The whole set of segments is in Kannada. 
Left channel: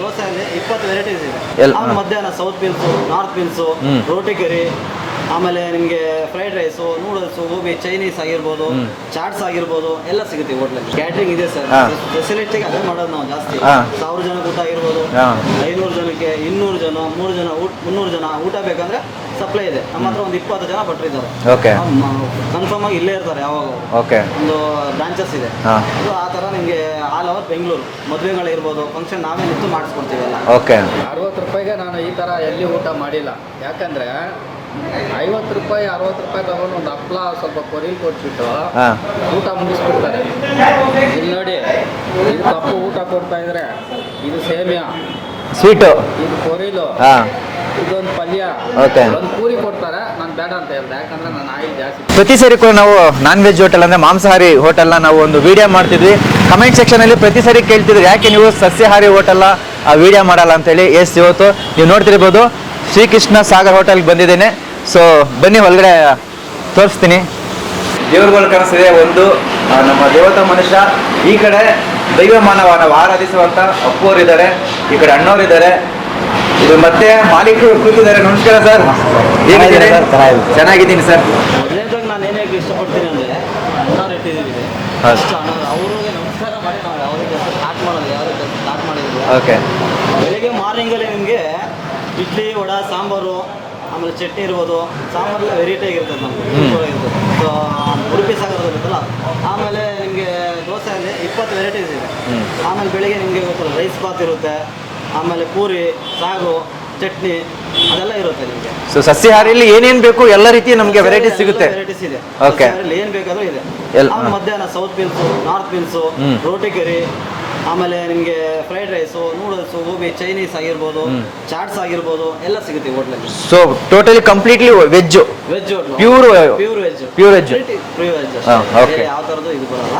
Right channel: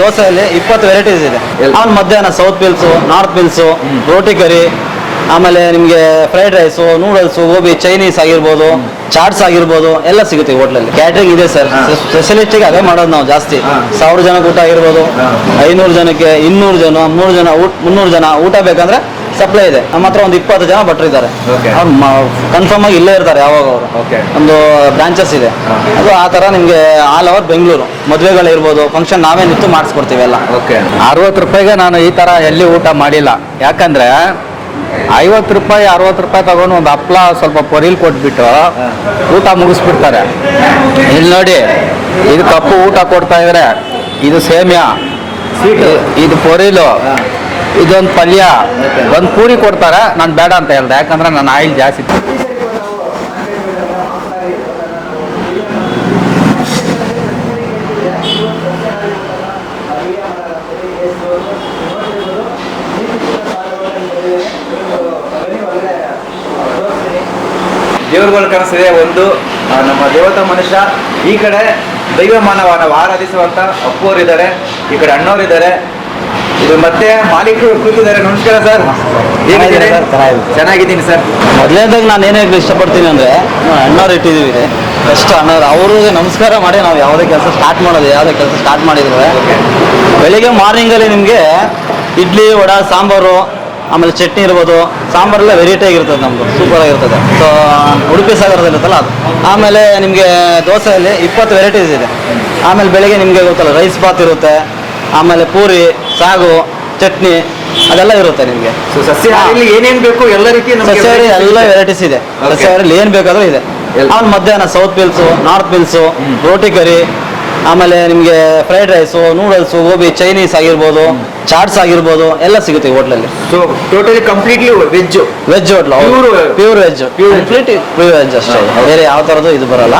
ದೋಸೆಯಲ್ಲಿ 20 ವೆರೈಟೀಸ್ ಇದೆ. ಆಮೇಲೆ ಮಧ್ಯಾಹ್ನ ಸೌತ್ ಮಿಲ್ಸು, ನಾರ್ತ್ ಮಿಲ್ಸು, ರೋಟಿ ಕರಿ, ಆಮೇಲೆ ನಿಮಗೆ fried rice, noodles, gobi, Chinese ಆಗಿರ್ಬೋದು, ಚಾಟ್ಸ್ ಆಗಿರ್ಬೋದು, ಎಲ್ಲ ಸಿಗುತ್ತೆ ಹೋಟ್ಲಲ್ಲಿ. ಕ್ಯಾಟ್ರಿಂಗ್ ಇದೆ ಸರ್. ಸ್ಪೆಷಲಿಸ್ಟಿಗೆ ಅದೇ ಮಾಡೋದು ನಾವು ಜಾಸ್ತಿ. 1000 ಜನಕ್ಕೆ ಊಟ ಆಗಿರ್ಬೋದು, 500 ಜನಕ್ಕೆ, 200 ಜನ, 300 ಜನ, 300 ಜನ ಊಟ ಬೇಕಂದ್ರೆ ಸಪ್ಲೈ ಇದೆ. ನಮ್ಮ ಹತ್ರ ಒಂದು 20 ಜನ ಭಟ್ರು ಇದ್ದಾರೆ. ಕನ್ಫರ್ಮ್ ಆಗಿ ಇಲ್ಲೇ ಇರ್ತಾರೆ ಯಾವಾಗ ಅವರು. ಒಂದು ಬ್ರಾಂಚಸ್ ಇದೆ. ಅದು ಆ ತರ ನಿಮ್ಗೆ ಆಲ್ ಓವರ್ ಬೆಂಗಳೂರು ಮದುವೆಗಳಿರ್ಬೋದು, ಫಂಕ್ಷನ್ ನಾವೇ ನಿಂತು ಮಾಡಿಸ್ಕೊಡ್ತೀವಿ ಎಲ್ಲ. 60 ರೂಪಾಯಿಗೆ ನಾನು ಈ ತರ ಎಲ್ಲಿ ಊಟ ಮಾಡಿಲ್ಲ. ಯಾಕಂದ್ರೆ 50 ರೂಪಾಯಿ 60 ರೂಪಾಯಿ ತಗೊಂಡು ಒಂದು ಹಪ್ಳ ಸ್ವಲ್ಪ ಪೊರಿಲ್ ಕೊಟ್ಬಿಟ್ಟು ಊಟ ಮುಗಿಸ್ಬಿಡ್ತಾರೆ. ಇಲ್ಲಿ ನೋಡಿ, ಇದು ಕಪ್ಪು ಊಟ ಕೊಡ್ತಾ ಇದ್ರೆ, ಇದು ಸೇಮಿಯಾ ಸ್ವೀಟು, ಇದು ಪೊರಿಲು, ಇದೊಂದು ಪಲ್ಯ, ಒಂದು ಪೂರಿ ಕೊಡ್ತಾರೆ. ನಾನು ಬೇಡ ಅಂತ ಹೇಳ್ದೆ, ಯಾಕಂದ್ರೆ ನಾನು ಆಯಿಲ್ ಜಾಸ್ತಿ. ಪ್ರತಿ ಸರಿ ಕೂಡ ನಾವು ನಾನ್ ವೆಜ್ ಹೋಟೆಲ್ ಅಂದ್ರೆ ಮಾಂಸಾಹಾರಿ ಹೋಟೆಲ್ನ ನಾವು ಒಂದು ವಿಡಿಯೋ ಮಾಡ್ತಿದ್ವಿ. ಕಮೆಂಟ್ ಸೆಕ್ಷನ್ ಅಲ್ಲಿ ಪ್ರತಿ ಸರಿ ಕೇಳ್ತಿದ್ರು, ಯಾಕೆ ನೀವು ಸಸ್ಯಾಹಾರಿ ಹೋಟೆಲ್ನ ವಿಡಿಯೋ ಮಾಡಲ್ಲ ಅಂತ ಹೇಳಿ. ಇವತ್ತು ನೀವು ನೋಡ್ತಿರ್ಬೋದು, ಶ್ರೀಕೃಷ್ಣ ಸಾಗರ್ ಹೋಟೆಲ್ಗೆ ಬಂದಿದ್ದೇನೆ. ಸೊ ಬನ್ನಿ, ಒಳಗಡೆ ತೋರಿಸ್ತೀನಿ. ದೇವರುಗಳು ಕಾಣಿಸ್ತಿದೆ. ಒಂದು ನಮ್ಮ ದೇವತಾ ಮನುಷ್ಯ, ಈ ಕಡೆ ದೈವ ಮಾನವ ನಾವು ಆರಾಧಿಸುವಂತ ಅಪ್ಪೋರಿದ್ದಾರೆ, ಈ ಕಡೆ ಅಣ್ಣವರಿದ್ದಾರೆ, ಇದು ಮತ್ತೆ ಮಾಲೀಕರು ಕೂತಿದ್ದಾರೆ. ನಮಸ್ಕಾರ ಸರ್, ಹೇಗಿದ್ದೀರಿ? ಚೆನ್ನಾಗಿದ್ದೀನಿ ಸರ್. ಮೊದಲನೇದಾಗಿ ನಾನು ಏನೇ ಇಷ್ಟಪಡ್ತೀನಿ ಅಂದ್ರೆ, ಅಣ್ಣವ್ರು ಇಟ್ಟಿದ್ದೀವಿ ಫಸ್ಟ್. ಅಣ್ಣವ್ರು ಅವ್ರಿಗೆ ನಮಸ್ಕಾರ ಮಾಡಿ ನಾವು ಯಾವುದೇ ಕೆಲಸ ಸ್ಟಾರ್ಟ್ ಮಾಡೋದು, ಯಾವುದೇ ಕೆಲಸ ಸ್ಟಾರ್ಟ್ ಮಾಡಿದ್ರೆ ಬೆಳಿಗ್ಗೆ ಮಾರ್ನಿಂಗಲ್ಲಿ ನಿಮಗೆ ಇಡ್ಲಿ, ವಡೆ, ಸಾಂಬಾರು, ಆಮೇಲೆ ಚಟ್ನಿ ಇರ್ಬೋದು. ಸಾಂಬಾರೆಲ್ಲ ವೆರೈಟಿ ಆಗಿರ್ತದೆ ನಮ್ಮದು, ಸೂಪರ್ ಆಗಿರ್ತದೆ. ಸೊ ಉಡುಪಿ ಸಾಗರದಲ್ಲಿರುತ್ತಲ್ಲ ಅದು. ಆಮೇಲೆ ನಿಮಗೆ ದೋಸೆಯಲ್ಲಿ 20 ವೆರೈಟೀಸ್ ಇದೆ. ಆಮೇಲೆ ಬೆಳಿಗ್ಗೆ ನಿಮಗೆ ಗೊತ್ತಲ್ಲ, ರೈಸ್ ಬಾತ್ ಇರುತ್ತೆ, ಆಮೇಲೆ ಪೂರಿ, ಸಾಗು, ಚಟ್ನಿ, ಅದೆಲ್ಲ ಇರುತ್ತೆ ನಿಮಗೆ. ಸೊ ಸಸ್ಯಾಹಾರಿಯಲ್ಲಿ ಏನೇನು ಬೇಕು ಎಲ್ಲ ರೀತಿ ಎಲ್ಲ ವೆರೈಟೀಸ್ ಇದೆ. ಸಸ್ಯಾಹಾರಿಯಲ್ಲಿ ಏನು ಬೇಕಾದ್ರೂ ಇದೆ. ಆಮೇಲೆ ಮಧ್ಯಾಹ್ನ ಸೌತ್ ಮಿಲ್ಸು, ನಾರ್ತ್ ಮಿಲ್ಸು, ರೋಟಿ ಕರಿ, ಆಮೇಲೆ ನಿಮಗೆ fried rice, noodles, gobi, Chinese ಆಗಿರ್ಬೋದು, ಚಾಟ್ಸ್ ಆಗಿರ್ಬೋದು, ಎಲ್ಲ ಸಿಗುತ್ತೆ ಹೋಟ್ಲಲ್ಲಿ. So totally completely veg hotel, pure veg, pure veg ಅಷ್ಟೇ, ಬೇರೆ ಯಾವ ಥರದ್ದು ಇದು ಬರಲ್ಲ.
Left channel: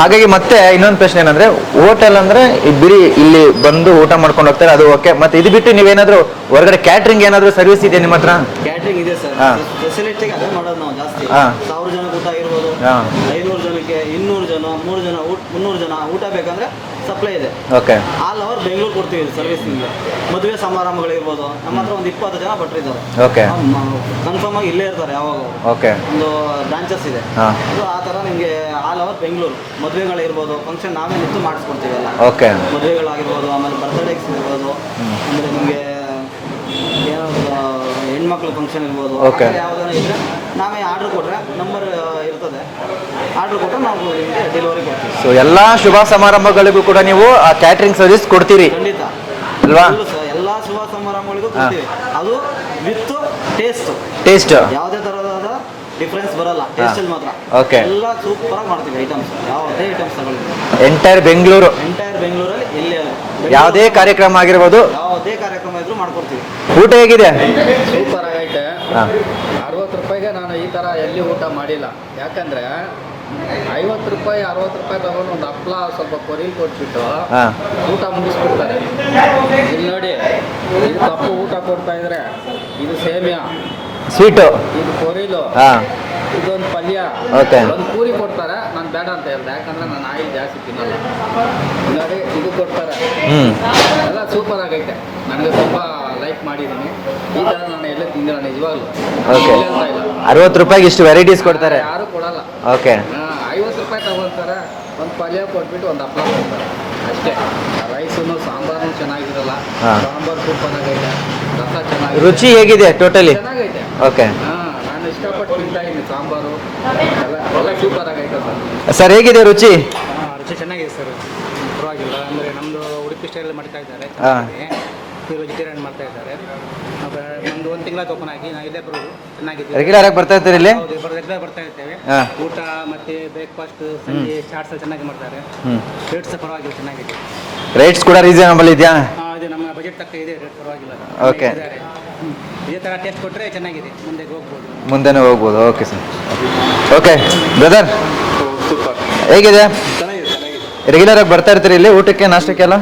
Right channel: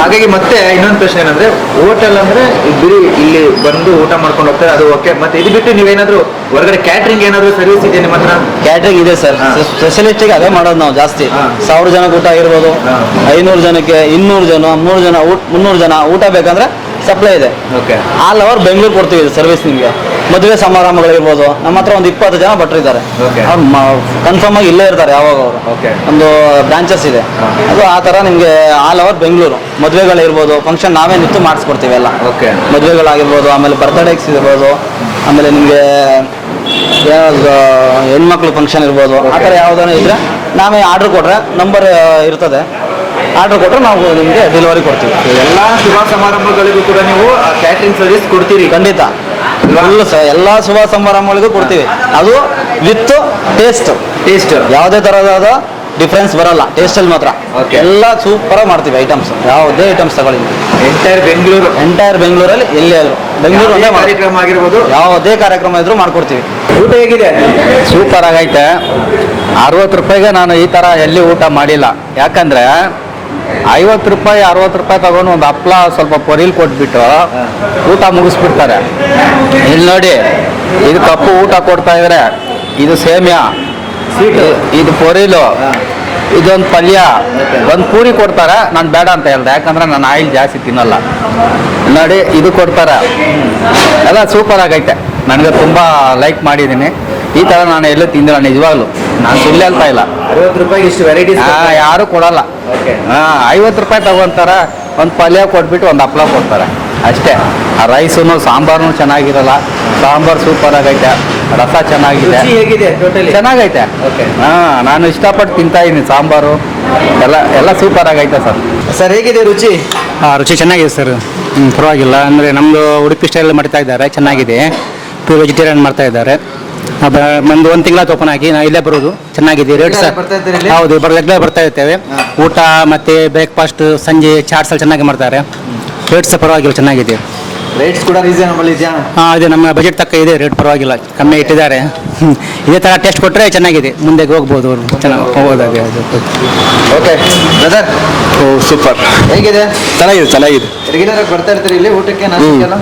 ಹಾಗಾಗಿ ಮತ್ತೆ ಇನ್ನೊಂದು ಪ್ರಶ್ನೆ ಏನಂದ್ರೆ, ಹೋಟೆಲ್ ಅಂದ್ರೆ ಬರೀ ಇಲ್ಲಿ ಬಂದು ಊಟ ಮಾಡ್ಕೊಂಡು ಹೋಗ್ತಾರೆ, ಅದು ಓಕೆ. ಮತ್ತೆ ಇದು ಬಿಟ್ಟು ನೀವೇನಾದ್ರೂ ಹೊರಗಡೆ ಕ್ಯಾಟ್ರಿಂಗ್ ಏನಾದ್ರು ಸರ್ವಿಸ್ ಇದೆ ನಿಮ್ಮ ಹತ್ರ? ಕ್ಯಾಟ್ರಿಂಗ್ ಇದೆ ಸರ್. ಸ್ಪೆಷಲಿಸ್ಟಿಗೆ ಅದೇ ಮಾಡೋದು ನಾವು ಜಾಸ್ತಿ. 1000 ಜನಕ್ಕೆ ಊಟ ಆಗಿರ್ಬೋದು, 500 ಜನಕ್ಕೆ, 200 ಜನ, 300 ಜನ ಊಟ ಬೇಕಂದ್ರೆ ಸಪ್ಲೈ ಇದೆ. ಆಲ್ ಓವರ್ ಬೆಂಗಳೂರು ಕೊಡ್ತೀವಿ ಸರ್ವಿಸ್. ನಿಮಗೆ ಮದುವೆ ಸಮಾರಂಭಗಳಿರ್ಬೋದು, ನಮ್ಮ ಹತ್ರ ಒಂದು 20 ಜನ ಭಟ್ರು ಇದ್ದಾರೆ. ಕನ್ಫರ್ಮ್ ಆಗಿ ಇಲ್ಲೇ ಇರ್ತಾರೆ ಯಾವಾಗ ಅವರು. ಒಂದು ಬ್ರಾಂಚಸ್ ಇದೆ. ಅದು ಆ ತರ ನಿಮ್ಗೆ ಆಲ್ ಓವರ್ ಬೆಂಗಳೂರು ಮದುವೆಗಳಿರ್ಬೋದು, ಫಂಕ್ಷನ್ ನಾವೇ ನಿಂತು ಮಾಡಿಸ್ಕೊಡ್ತೀವಿ ಎಲ್ಲ. ಮದುವೆಗಳಾಗಿರ್ಬೋದು, ಆಮೇಲೆ ಬರ್ತ್ಡೇಸ್ ಇರ್ಬೋದು, ಆಮೇಲೆ ನಿಮಗೆ ಯಾವ್ದು ಹೆಣ್ಮಕ್ಳು ಫಂಕ್ಷನ್ ಇರ್ಬೋದು, ಆ ಥರ ಯಾವ್ದಾನ ಇದ್ರೆ ನಾವೇ ಆರ್ಡ್ರ್ ಕೊಟ್ರೆ, ನಂಬರ್ ಇರ್ತದೆ, ಆರ್ಡರ್ ಕೊಟ್ಟರೆ ನಾವು ನಿಮಗೆ ಡೆಲಿವರಿ ಕೊಡ್ತೀವಿ. ಎಲ್ಲ ಶುಭ ಸಮಾರಂಭಗಳಿಗೂ ಕೂಡ ನೀವು ಕ್ಯಾಟ್ರಿಂಗ್ ಸರ್ವಿಸ್ ಕೊಡ್ತೀರಿ? ಖಂಡಿತ. ಎಲ್ಲ ಶುಭ ಸಮಾರಂಭಗಳಿಗೂ ಕೊಡ್ತೀವಿ. ಅದು ವಿತ್ ಟೇಸ್ಟ್ ಯಾವುದೇ ಥರದ ಡಿಫ್ರೆನ್ಸ್ ಬರಲ್ಲ ಟೇಸ್ಟಲ್ಲಿ ಮಾತ್ರ. ಎಲ್ಲ ಸೂಪರಾಗಿ ಮಾಡ್ತೀವಿ ಐಟಮ್ಸ್. ಯಾವುದೇ ಐಟಮ್ಸ್ ತಗೊಳ್ಳಿ, ಎಂಟೈರ್ ಬೆಂಗಳೂರಲ್ಲಿ ಎಲ್ಲಿ ಆದರೂ, ಬೆಂಗಳೂರು ಕಾರ್ಯಕ್ರಮ ಆಗಿರ್ಬೋದು, ಯಾವುದೇ ಕಾರ್ಯಕ್ರಮ ಇದ್ರೂ ಮಾಡ್ಕೊಡ್ತೀವಿ. ಊಟ ಹೇಗಿದೆ? ಸೂಪರ್ ಆಗೈತೆ. 60 ರೂಪಾಯಿಗೆ ನಾನು ಈ ತರ ಎಲ್ಲಿ ಊಟ ಮಾಡಿಲ್ಲ. ಯಾಕಂದ್ರೆ 50 ರೂಪಾಯಿ 60 ರೂಪಾಯಿ ತಗೊಂಡು ಒಂದು ಹಪ್ಳ ಸ್ವಲ್ಪ ಪೊರಿಲ್ ಕೊಟ್ಬಿಟ್ಟು ಊಟ ಮುಗಿಸ್ಬಿಡ್ತಾರೆ. ಇಲ್ಲಿ ನೋಡಿ, ಇದು ಕಪ್ಪು ಊಟ ಕೊಡ್ತಾ ಇದ್ರೆ, ಇದು ಸೇಮಿಯಾ ಸ್ವೀಟು, ಇದು ಪೊರಿಲು, ಇದೊಂದು ಪಲ್ಯ, ಒಂದು ಪೂರಿ ಕೊಡ್ತಾರೆ. ನಾನು ಬೇಡ ಅಂತ ಹೇಳ್ದೆ, ಯಾಕಂದ್ರೆ ನಾನು ಆಯಿಲ್ ಜಾಸ್ತಿ ತಿನ್ನಲ್ಲ. ನೋಡಿ, ಇದು ಕೊಡ್ತಾರೆ. ಎಲ್ಲ ಸೂಪರ್ ಆಗೈತೆ. ನನಗೆ ತುಂಬ ಲೈಕ್ ಮಾಡಿದ್ದೀನಿ. ಈ ಥರ ನಾನು ಎಲ್ಲೂ ತಿಂದಿಲ್ಲ ನಿಜವಾಗ್ಲು. ನಾನು ತಿನ್ನಲೇ ಅಂತ ಇಲ್ಲ. 60 ರೂಪಾಯಿಗೆ ಇಷ್ಟು ವೆರೈಟೀಸ್ ಯಾರು ಕೊಡಲ್ಲ. 50 ರೂಪಾಯಿ ತಗೊಂತಾರೆ, ಒಂದು ಪಲ್ಯ ಕೊಟ್ಬಿಟ್ಟು ಒಂದು ಹಪ್ಳ ಕೊಡ್ತಾರೆ ಅಷ್ಟೇ. ಆ ರೈಸು ಸಾಂಬಾರು ಚೆನ್ನಾಗಿರಲ್ಲ. ಸಾಂಬಾರು ಸೂಪರ್ ಆಗೈತೆ, ರಸ ಚೆನ್ನಾಗಿದೆ. ರುಚಿ ಹೇಗಿದೆ? ಟೋಟಲಿ ಚೆನ್ನಾಗೈತೆ. ನಾನು ಇಷ್ಟಪಟ್ಟು ತಿಂತಾ ಇದ್ದೀನಿ. ಸಾಂಬಾರು ಎಲ್ಲ ಸೂಪರ್ ಆಗೈತೆ ಸರ್. ಸರ್ ಹೇಗಿದೆ ರುಚಿ? ರುಚಿ ಚೆನ್ನಾಗಿದೆ ಸರ್, ಪರವಾಗಿಲ್ಲ. ಅಂದರೆ ನಮ್ಮದು ಉಡುಪಿ ಸ್ಟೈಲ್ ಮಾಡ್ತಾ ಇದ್ದಾರೆ, ಚೆನ್ನಾಗಿದೆ. ಪ್ಯೂರ್ ವೆಜಿಟೇರಿಯನ್ ಮಾಡ್ತಾ ಇದ್ದಾರೆ. ಒಂದು ತಿಂಗಳ ಓಪನ್ ಆಗಿ ನಾವು ಇಲ್ಲೇ ಬರೋದು. ಚೆನ್ನಾಗಿದೆ. ರೇಟ್ಸ್ ಹೌದು, ರೆಗ್ಯುಲರ್ ಬರ್ತಾ ಇರ್ತೇವೆ. ಊಟ ಮತ್ತೆ ಬ್ರೇಕ್ಫಾಸ್ಟ್, ಸಂಜೆ ಚಾಟ್ಸ್ ಎಲ್ಲ ಚೆನ್ನಾಗಿ ಮಾಡ್ತಾರೆ. ರೇಟ್ಸ್ ಪರವಾಗಿಲ್ಲ, ಚೆನ್ನಾಗಿದೆ. ರೇಟ್ಸ್ ಕೂಡ ರೀಸನಬಲ್ ಇದೆಯಾ? ಇದೆ, ನಮ್ಮ ಬಜೆಟ್ ತಕ್ಕ ಇದೆ. ರೇಟ್ ಪರವಾಗಿಲ್ಲ, ಕಮ್ಮಿ ಇಟ್ಟಿದ್ದಾರೆ. ಇದೇ ಥರ ಟೇಸ್ಟ್ ಕೊಟ್ಟರೆ ಚೆನ್ನಾಗಿದೆ, ಮುಂದೆ ಹೋಗ್ಬೋದು. ಸೂಪರ್. ಹೇಗಿದೆ? ಚೆನ್ನಾಗಿದೆ. ರೆಗ್ಯುಲರ್ ಆಗಿ ಬರ್ತಾ ಇರ್ತೀರಿ ಇಲ್ಲಿ ಊಟಕ್ಕೆ, ನಾಷ್ಟಕ್ಕೆಲ್ಲ?